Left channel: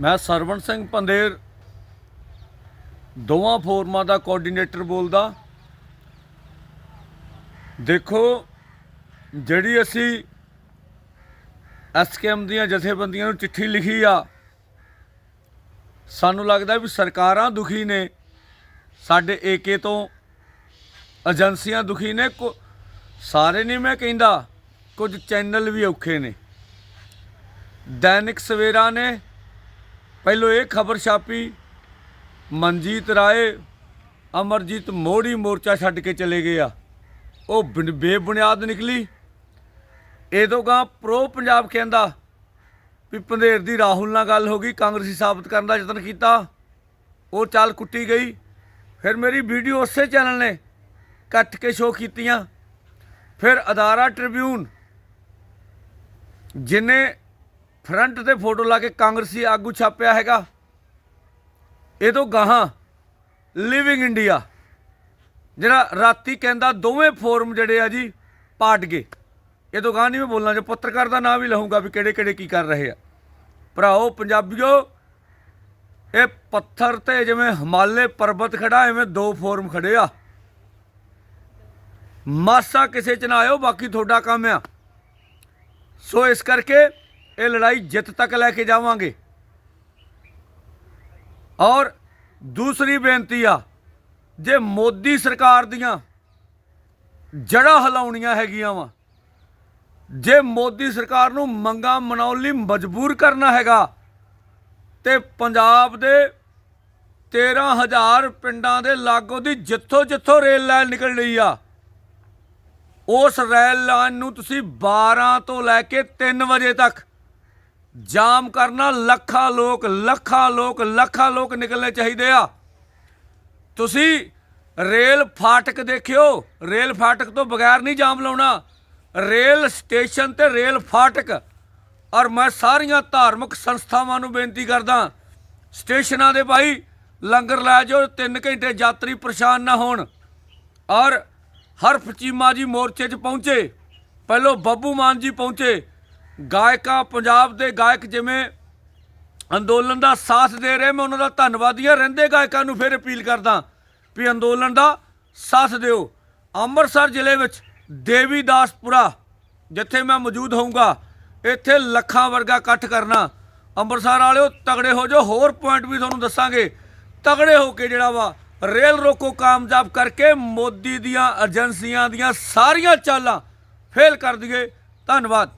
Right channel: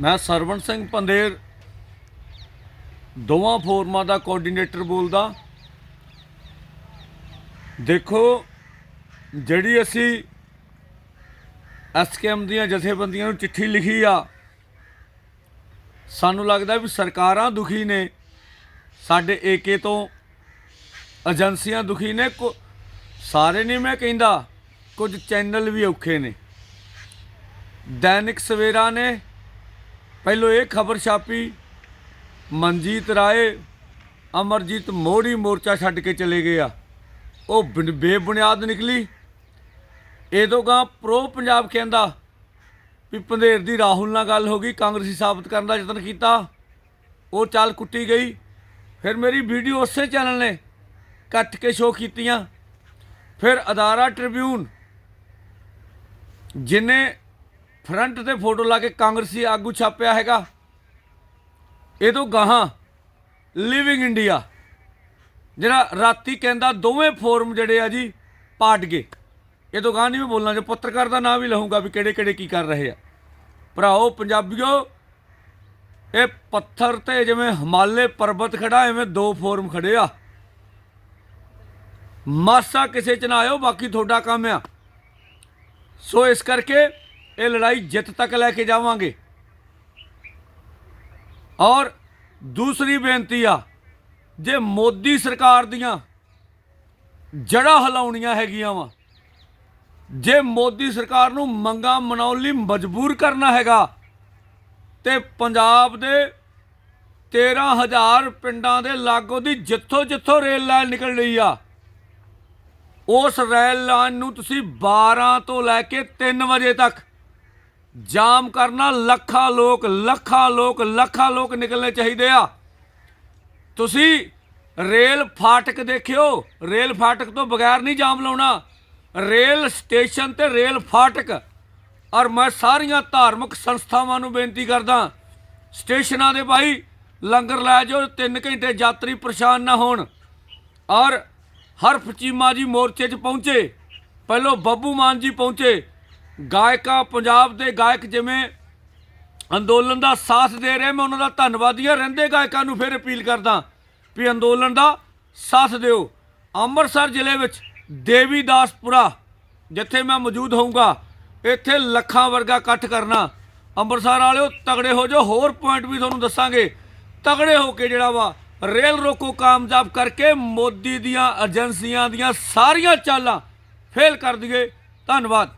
ਮੈਂ ਸਰਵਣ ਸਿੰਘ ਪੰਦੇਰ ਦੋਵਾਂ ਫੋਰਮਾਂ ਦਾ ਕੋਆਰਡੀਨੇਟਰ ਬੋਲਦਾ। ਦੇਖੋ, ਜਿਹੜੀ ਅਸੀਂ ਐਸਕੇਐਮ ਦੀਆਂ ਜਥੇਬੰਦੀਆਂ ਨੂੰ ਚਿੱਠੀ ਲਿਖੀ ਆ, ਸਾਨੂੰ ਲੱਗਦਾ ਵੀ ਸਰਕਾਰਾਂ ਦੁਖੀ ਨੇ। ਸਾਡੇ ਏਕੇ ਤੋਂ ਏਜੰਸੀਆਂ ਦੁਖੀ ਨੇ, ਕੋ- ਸਾਰੇ ਨਹੀਂ ਮੈਂ ਕਹਿੰਦਾ, ਕੁਝ ਚੈਨਲ ਵੀ ਔਖੇ ਨੇ। ਦੈਨਿਕ ਸਵੇਰਾ ਨੇ ਪਹਿਲੋਂ ਇਹ ਖਬਰ ਛਾਪੀ, ਮਨਜੀਤ ਰਾਏ, ਅਮਰਜੀਤ ਮੋੜੀ ਮੋਰਚਾ ਛੱਡ ਕੇ ਚਲੇ ਗਏ ਆ। ਉਹ ਬੇਬੁਨਿਆਦ ਨਿਕਲੀ। ਇਹਦੋਂ ਗਾ ਪ੍ਰੋ ਪੰਜਾਬ ਕਹਿੰਦਾ ਵੀ ਪੰਧੇਰ ਦੀ ਰਾਹੁਲ ਨਾਲ ਗੱਲ ਹੋ ਗਈ, ਕਾਂਗਰਸੀ ਸਾਬਤ ਕਰਨ ਦਾ ਯਤਨ ਕੀਤਾ। ਉਹ ਚਾਲ ਕੁੱਟੀ ਗਈ। ਫਿਰ ਮੇਰੀ ਵੀਡੀਓ ਉਸੇ ਚੈਨਲ ਨੇ ਕੱਟ ਕੇ ਸ਼ੋਅ ਕੀਤੀਆਂ। ਫਿਰ ਅਦਾਰਾ ਟ੍ਰਿਬਿਊਨ, ਜਿਨੇ ਫਰੰਟ ਤੇ ਫੋਟੋ ਲਾ ਕੇ ਕਾਂਗਰਸੀ ਆਗੂ ਛਾਪਿਆ ਹੈਗਾ। ਇਹ ਤੋਂ ਗਾਹਾਂ ਲਿਵਿੰਗ ਇੰਡੀਆ ਜਿਹੜਾ ਰਾਤੀ ਕਹਿੰਦਾ ਦੋਵੇਂ ਫੋਰਮ ਜਿਹੜੇ ਆ ਜੀ ਪਾਟ ਗਏ। ਇਹ ਤੋਂ ਗਾਹਾਂ ਨਹੀਂ ਮੈਂ ਬੋਲਣਾ, ਜੇ ਪੱਤਰਕਾਰ ਦਾ ਨਾਮ ਵੀ ਲਹੂੰਗਾ ਵੀ ਕਿਹੜੇ ਕਿਹੜੇ ਕੀ ਕਰ ਰਹੇ ਆ। ਭਰਾਓ, ਪੰਜਾਬੀਓ, ਇਹ ਪੱਥਰ ਤੇ ਜਿਵੇਂ ਹਿਮਾਲੇ ਪਰਬਤ ਖੜਾ, ਐਵੇਂ ਦੋ ਫੋਰਮ ਖੜੇ ਆ। ਮਾਸਾ ਕਿਸੇ ਚ ਨਾ ਆਇਓ, ਬਾਕੀ ਤੁਹਾਡਾ ਕੰਮ ਆ। ਸੋ ਇਸ ਕਰਕੇ ਇਹ ਲੜਾਈ ਜਿੱਤ ਤੱਕ ਲੈ ਕੇ ਜਾਵਾਂਗੇ। ਔਰ ਦੂਸਰੀ ਬੇਨਤੀ ਆ, ਜੇ ਮੋਦੀ ਸਰਕਾਰ ਦੀਆਂ ਜੜ੍ਹਾਂ ਹਿਲਾਉਣੀਆਂ ਹੈਗੀਆਂ ਵਾ, ਜੇ ਮੋਦੀ ਸਰਕਾਰ ਨੂੰ ਮੰਗਾ ਮਨਾਉਣ ਲਈ ਮਜਬੂਰ ਕਰਨਾ ਹੈਗਾ, ਤੇ ਪੰਜਾਬ ਦੇ 13000 ਪਿੰਡਾਂ ਦੇ ਲਾਗੋ ਦੀ ਜਿੱਥੋਂ ਜਿੱਥੋਂ ਰੇਲ ਲਾਈਨ ਨਿਕਲ ਰਹੀ ਆ, ਉਸ ਰੇਲ ਲਾਈਨ ਨੂੰ ਤੁਸੀਂ 12 ਤੋਂ ਲੈ ਕੇ 3 ਵਜੇ ਤੱਕ ਜਾਮ ਕਰਨਾ, ਲੱਖਾਂ ਲੋਕ ਲੱਖਾਂ ਲੋਕ ਲੱਖਾਂ ਲੋਕ ਨਿਕਲਣੇ ਚਾਹੀਦੇ ਆ। ਤੁਸੀਂ ਰੇਲ ਫਾਟਕ ਦੇਖਿਓ। ਰੇਲ ਫਾਟਕ ਤੋਂ ਬਗੈਰ ਨਹੀਂ ਜਾਮ ਲਾਉਣਾ। ਰੇਲ ਸਟੇਸ਼ਨ ਤੇ ਰੇਲ ਫਾਟਕ। ਔਰ ਮੈਂ ਸਾਰੀਆਂ ਧਾਰਮਿਕ ਸੰਸਥਾਵਾਂ ਨੂੰ ਬੇਨਤੀ ਕਰਦਾ, ਸਟੇਸ਼ਨਾਂ ਦੇ ਭਾਈ, ਲੰਗਰ ਲੈ ਜਾਓ 3 ਘੰਟੇ ਯਾਤਰੀ ਪਰੇਸ਼ਾਨ ਨਾ ਹੋਣ। ਔਰ ਹਰਫ ਚੀਮਾ ਜੀ ਮੋਰਚੇ 'ਚ ਪਹੁੰਚੇ। ਪਹਿਲੋਂ ਬੱਬੂ ਮਾਨ ਜੀ ਪਹੁੰਚੇ। ਗਾਇਕਾਂ ਪੰਜਾਬ ਦੇ ਗਾਇਕ ਜਿਵੇਂ ਅੰਦੋਲਨ ਦਾ ਸਾਥ ਦੇ ਰਹੇ, ਮੈਂ ਉਹਨਾਂ ਦਾ ਧੰਨਵਾਦੀ ਹਾਂ। ਰਹਿੰਦੇ ਗਾਇਕਾਂ ਨੂੰ ਫਿਰ ਅਪੀਲ ਕਰਦਾ ਵੀ ਅੰਦੋਲਨ ਦਾ ਸਾਥ ਦਿਓ। ਅੰਮ੍ਰਿਤਸਰ ਜ਼ਿਲ੍ਹੇ ਵਿੱਚ ਦੇਵੀਦਾਸਪੁਰਾ, ਜਿੱਥੇ ਮੈਂ ਮੌਜੂਦ ਹੋਊਂਗਾ, ਇੱਥੇ ਲੱਖਾਂ ਵਰਗਾ ਇਕੱਠ ਕਰਨਾ। ਅੰਮ੍ਰਿਤਸਰ ਵਾਲਿਓ, ਤਗੜੇ ਹੋ ਜਾਓ। ਹੋਰ ਪੁਆਇੰਟ ਵੀ ਤੁਹਾਨੂੰ ਦੱਸਾਂਗੇ। ਤਗੜੇ ਹੋ ਕੇ ਜਿਹੜਾ ਵਾ, ਰੇਲ ਰੋਕੋ ਕਾਮਯਾਬ ਕਰਕੇ ਮੋਦੀ ਦੀਆਂ ਏਜੰਸੀਆਂ ਦੀਆਂ ਸਾਰੀਆਂ ਚਾਲਾਂ ਫੇਲ ਕਰ ਦਈਏ। ਧੰਨਵਾਦ।